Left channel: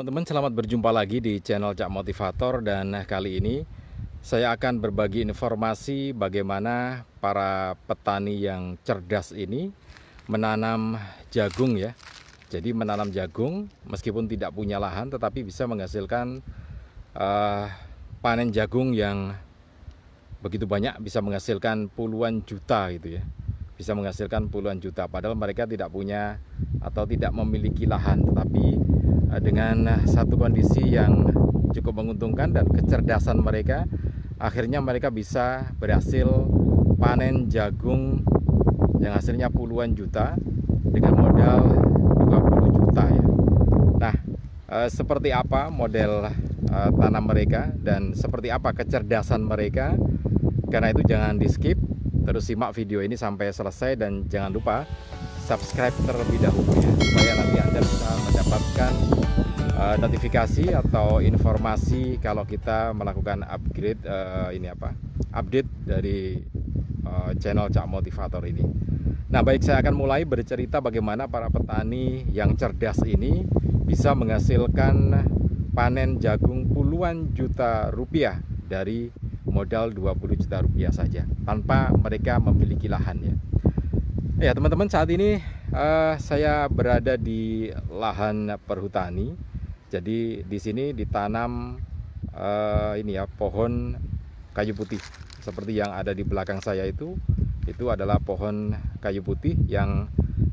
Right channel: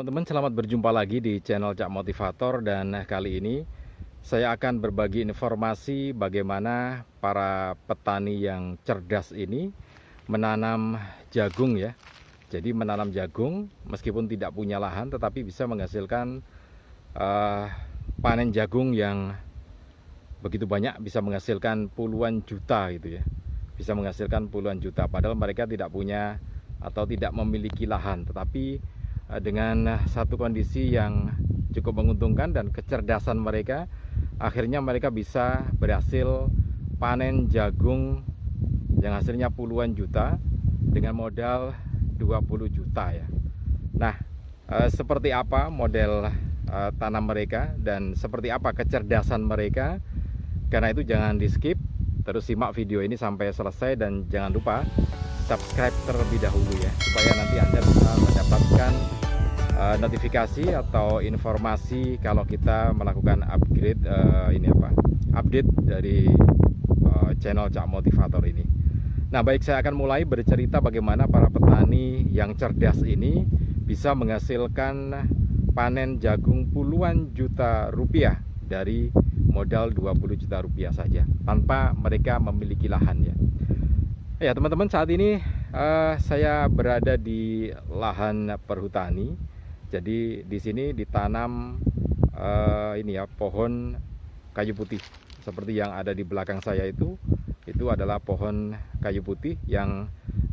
Teman-teman, selamat berjumpa lagi di channel Cak Motivator, dan kali ini saya akan berbagi informasi bagaimana para petani yang cerdas ini menanam jagung ya. Jadi menanam jagung meskipun tidak punya lahan tetapi bisa menghasilkan panen jagung yang begitu banyak, bisa menghasilkan puluhan juta gitu ya. Bisa menghasilkan puluhan juta padahal mereka tidak punya atau tidak memiliki lahan, tetapi dengan satu kondisi yang cukup menguntungkan dan kecerdasan mereka, akhirnya mereka bisa berhasil panen jagung yang hasilnya puluhan juta dengan modal 20 juta ya. Nah, seperti apa model tanam mereka dan seperti apa kecerdasan mereka? Karena itu jangan di skip, terus simak video ini sampai selesai dan jangan lupa subscribe terlebih dahulu ya, supaya nanti Anda bisa mendapatkan notifikasi atau informasi kalau kita melakukan update dari channel Cak Motivator ini. Nah, baik, saya akan mulai bercerita bagaimana para petani yang cerdas ini bisa menghasilkan panen jagung puluhan juta rupiah dari modal 20 juta rupiah saja tanpa mereka memiliki lahan ya. Ya teman-teman, saat ini saya berada di lahan perhutani. Jadi di sini ditanam pohon kayu putih seperti yang ada di belakang saya itu adalah pohon kayu putih yang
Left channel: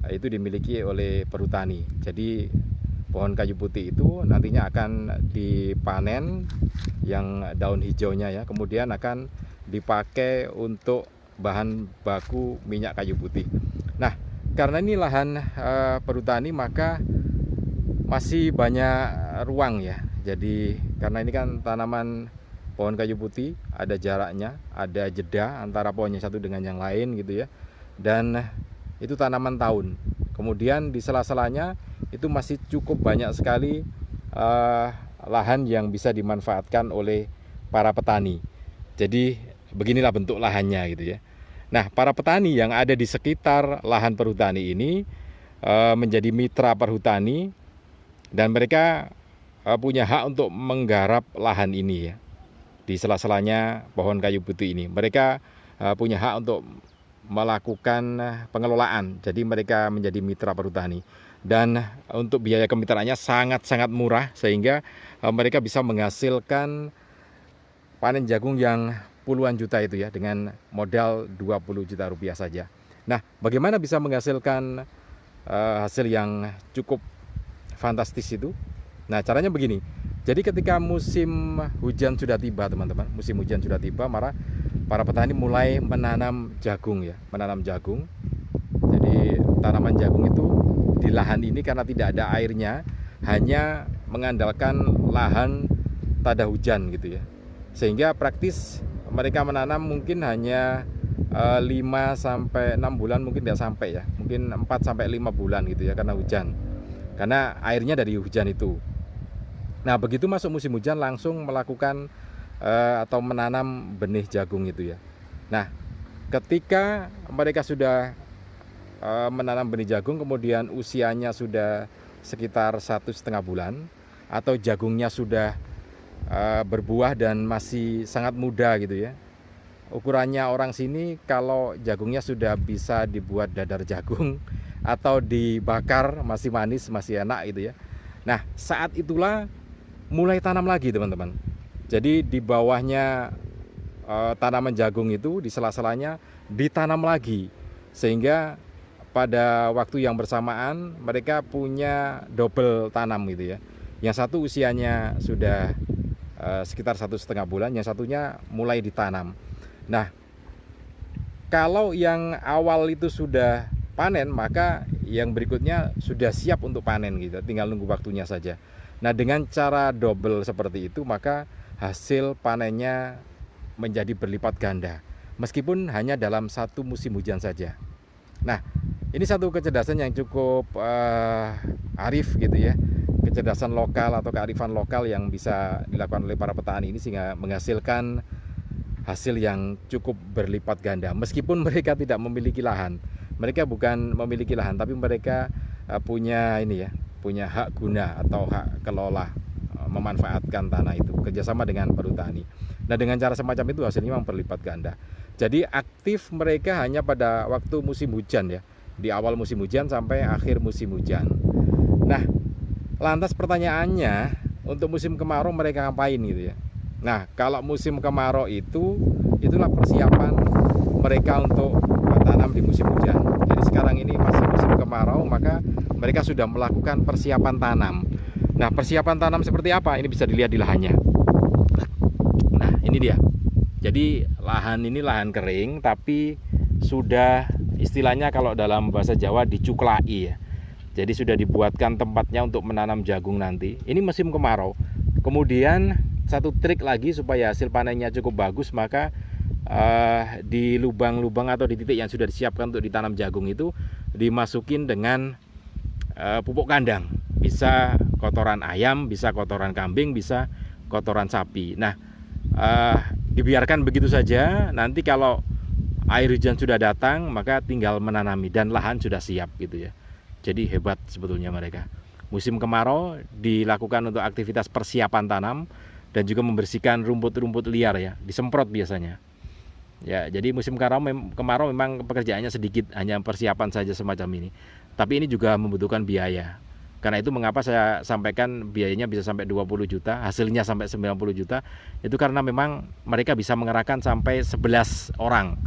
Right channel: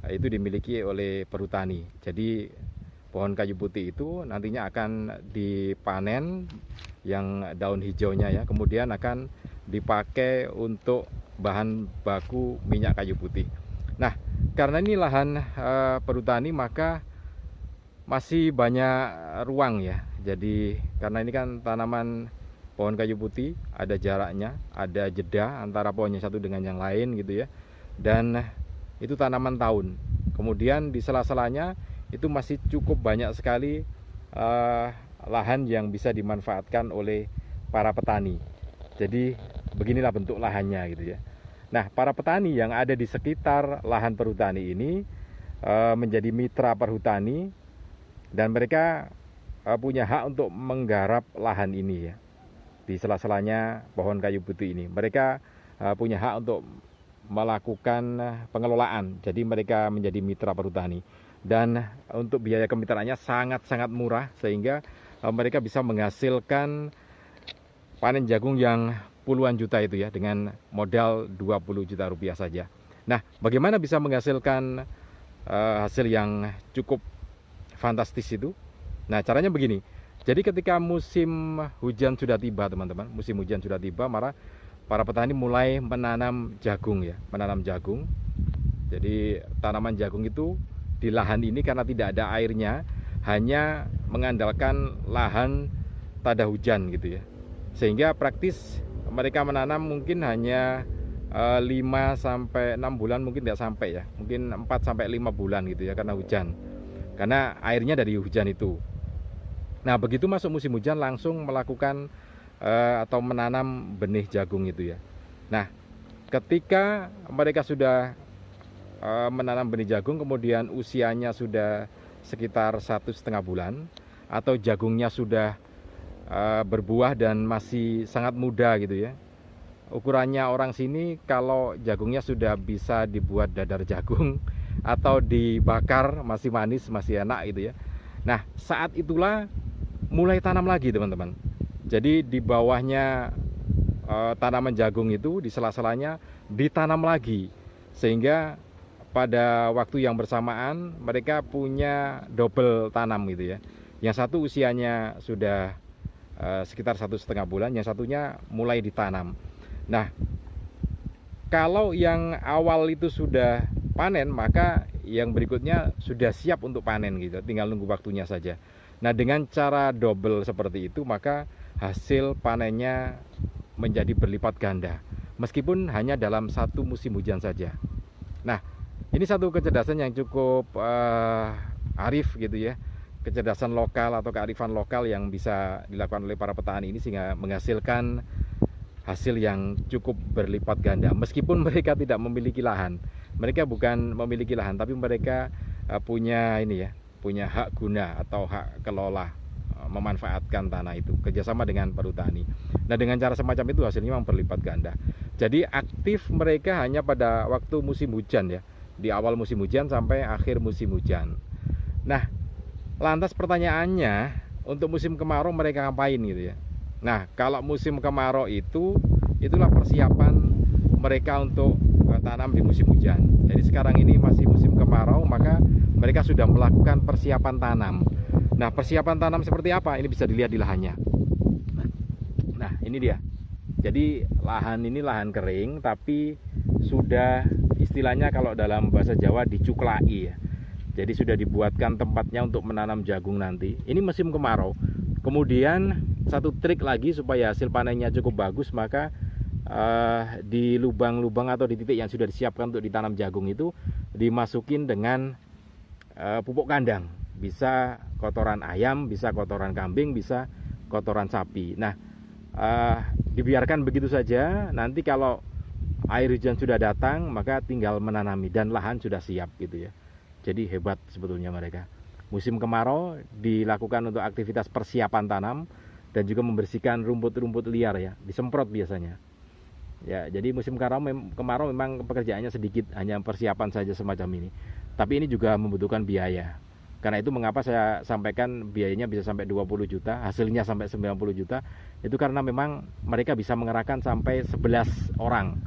itu dimiliki oleh perhutani. Jadi pohon kayu putih itu nantinya akan dipanen yang daun hijaunya ya, kemudian akan dipakai untuk bahan baku minyak kayu putih. Nah, karena ini lahan perhutani maka masih banyak ruang ya. Jadi karena ini kan tanaman pohon kayu putih, ada jaraknya, ada jeda antara pohonnya satu dengan yang lain gitu ya. Dan itu tanaman tahun. Kemudian di sela-selanya itu masih cukup banyak sekali lahan yang bisa dimanfaatkan oleh para petani. Jadi beginilah bentuk lahannya gitu ya. Nah, para petani yang ada di sekitar lahan perhutani ini menjadi mitra perhutani dan mereka punya hak untuk menggarap lahan ini ya. Di sela-selanya pohon kayu putih ini mereka punya hak untuk melakukan pengelolaan. Jadi mereka menjadi mitra perhutani dan untuk biaya kemitraannya sangat-sangat murah sehingga mereka bisa menghasilkan panen jagung yang puluhan juta itu ya dengan modal 20 juta rupiah saja. Nah, bagaimana bisa menghasilkan hasil yang cukup fantastis itu? Nah, caranya begini. Jadi ketika musim hujan sudah tiba teman-teman, musim hujan sudah tiba, maka para petani mulai menanam jagung ya, menanam jagung. Jadi tanaman jagung itu di lahan ini karena tidak ada airnya, hanya mengandalkan lahan tada hujan gitu ya. Sehingga praktis mereka menanam mungkin hanya 5 sampai 6 bulan, mungkin tidak sampai ya. Mungkin 4 sampai 5 bulan gitu ya karena hujan. Karena airnya dari hujan itu. Nah, begitu masuk musim hujan langsung melakukan atau menanam benih jagung itu ya. Nah, ketika mereka sudah menanam benih jagung, kemudian usianya sudah sekitar 1,5 bulan atau jagungnya sudah berbuah dan masih sangat muda gitu ya. Ukurannya orang sini kalau jagungnya sudah bisa dibuat dadar jagung atau dibakar masih manis, masih enak gitu ya. Nah, saat itulah mulai tanam lagi teman-teman. Jadi di bawahnya tanaman jagung itu di sela-selanya ditanam lagi sehingga pada waktu yang bersamaan mereka punya double tanam gitu ya. Yang satu usianya sudah sekitar 1,5 bulan, yang satunya mulai ditanam. Nah, kalau yang awal itu sudah panen, maka yang berikutnya sudah siap untuk panen gitu, tinggal nunggu waktunya saja. Nah, dengan cara double seperti itu maka hasil panennya menjadi berlipat ganda meskipun hanya dalam satu musim hujan saja. Nah, ini satu kecerdasan yang cukup arif gitu ya, kecerdasan lokal atau kearifan lokal yang bisa dilakukan oleh para petani ini sehingga menghasilkan hasil yang cukup berlipat ganda meskipun mereka tidak memiliki lahan. Mereka bukan memiliki lahan tapi mereka punya punya hak guna atau hak kelola memanfaatkan tanah itu kerjasama dengan perhutani. Nah, dengan cara semacam itu hasilnya memang berlipat ganda. Jadi aktif mereka hanya pada waktu musim hujan ya, di awal musim hujan sampai akhir musim hujan. Nah, lantas pertanyaannya, untuk musim kemarau mereka ngapain gitu ya? Nah, kalau musim kemarau itulah persiapan mereka untuk tanam di musim hujan. Jadi sekarang ini masih musim kemarau, maka mereka sudah melakukan persiapan tanam. Nah, persiapan tanam seperti apa? Ini bisa dilihat di lahannya. Nah, ini dia. Jadi lahan ini lahan kering, tapi sudah istilahnya kalau dalam bahasa Jawa dicuklai ya. Jadi sudah dibuatkan tempatnya untuk menanam jagung nanti. Ini musim kemarau. Kemudian satu trik lagi supaya hasil panennya cukup bagus, maka di lubang-lubang atau di titik yang sudah disiapkan untuk ditanam jagung itu dimasukin dengan pupuk kandang. Bisa kotoran ayam, bisa kotoran kambing, bisa kotoran sapi. Nah, dibiarkan begitu saja. Nanti kalau air hujan sudah datang, maka tinggal menanami dan lahan sudah siap gitu ya. Jadi hebat sebetulnya mereka. Musim kemarau dilakukan untuk aktivitas persiapan tanam dan juga membersihkan rumput-rumput liar ya, disemprot biasanya. Ya, jadi musim kemarau memang pekerjaannya sedikit, hanya persiapan saja semacam ini. Tapi ini juga membutuhkan biaya. Karena itu mengapa saya sampaikan biayanya bisa sampai 20 juta, hasilnya sampai 90 juta. Itu karena memang mereka bisa mengerahkan sampai 11 orang.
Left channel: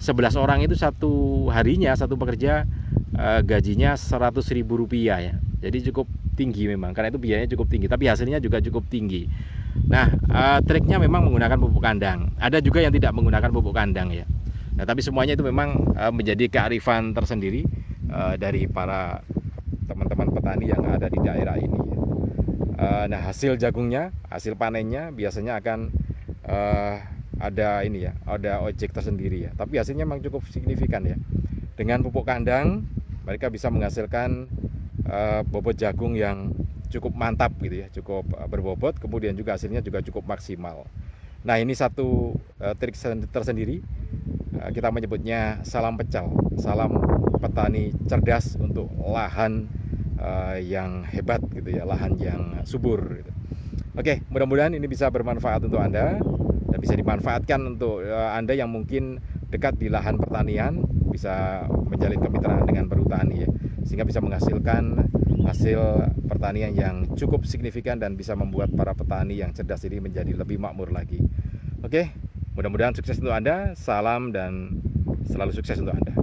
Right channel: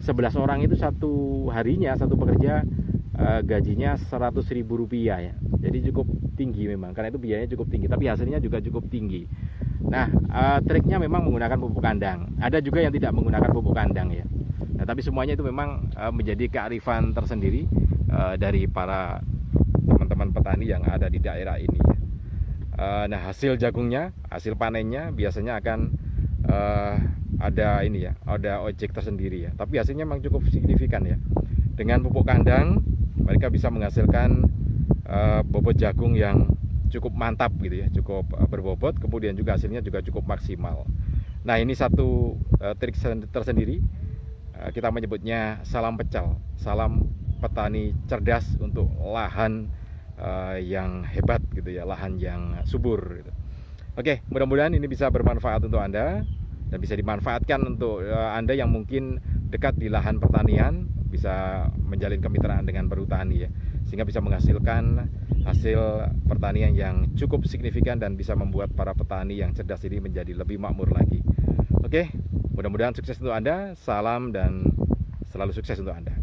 11 orang itu satu harinya, satu pekerja gajinya Rp100.000 ya. Jadi cukup tinggi memang, karena itu biayanya cukup tinggi, tapi hasilnya juga cukup tinggi. Nah, triknya memang menggunakan pupuk kandang. Ada juga yang tidak menggunakan pupuk kandang ya. Nah, tapi semuanya itu memang menjadi kearifan tersendiri dari para teman-teman petani yang ada di daerah ini. Nah, hasil jagungnya, hasil panennya biasanya akan ada ini ya, ada ojek tersendiri ya. Tapi hasilnya memang cukup signifikan ya. Dengan pupuk kandang mereka bisa menghasilkan bobot jagung yang cukup mantap gitu ya, cukup berbobot, kemudian juga hasilnya juga cukup maksimal. Nah, ini satu trik tersendiri, kita menyebutnya salam pecal, salam petani cerdas untuk lahan yang hebat gitu ya, lahan yang subur gitu. Oke, mudah-mudahan ini bisa bermanfaat untuk Anda dan bisa dimanfaatkan untuk Anda yang mungkin dekat di lahan pertanian, bisa menjalin kemitraan dengan perhutani ya, sehingga bisa menghasilkan hasil pertanian yang cukup signifikan dan bisa membuat para petani yang cerdas ini menjadi lebih makmur lagi. Oke, mudah-mudahan sukses untuk Anda. Salam dan selalu sukses untuk Anda.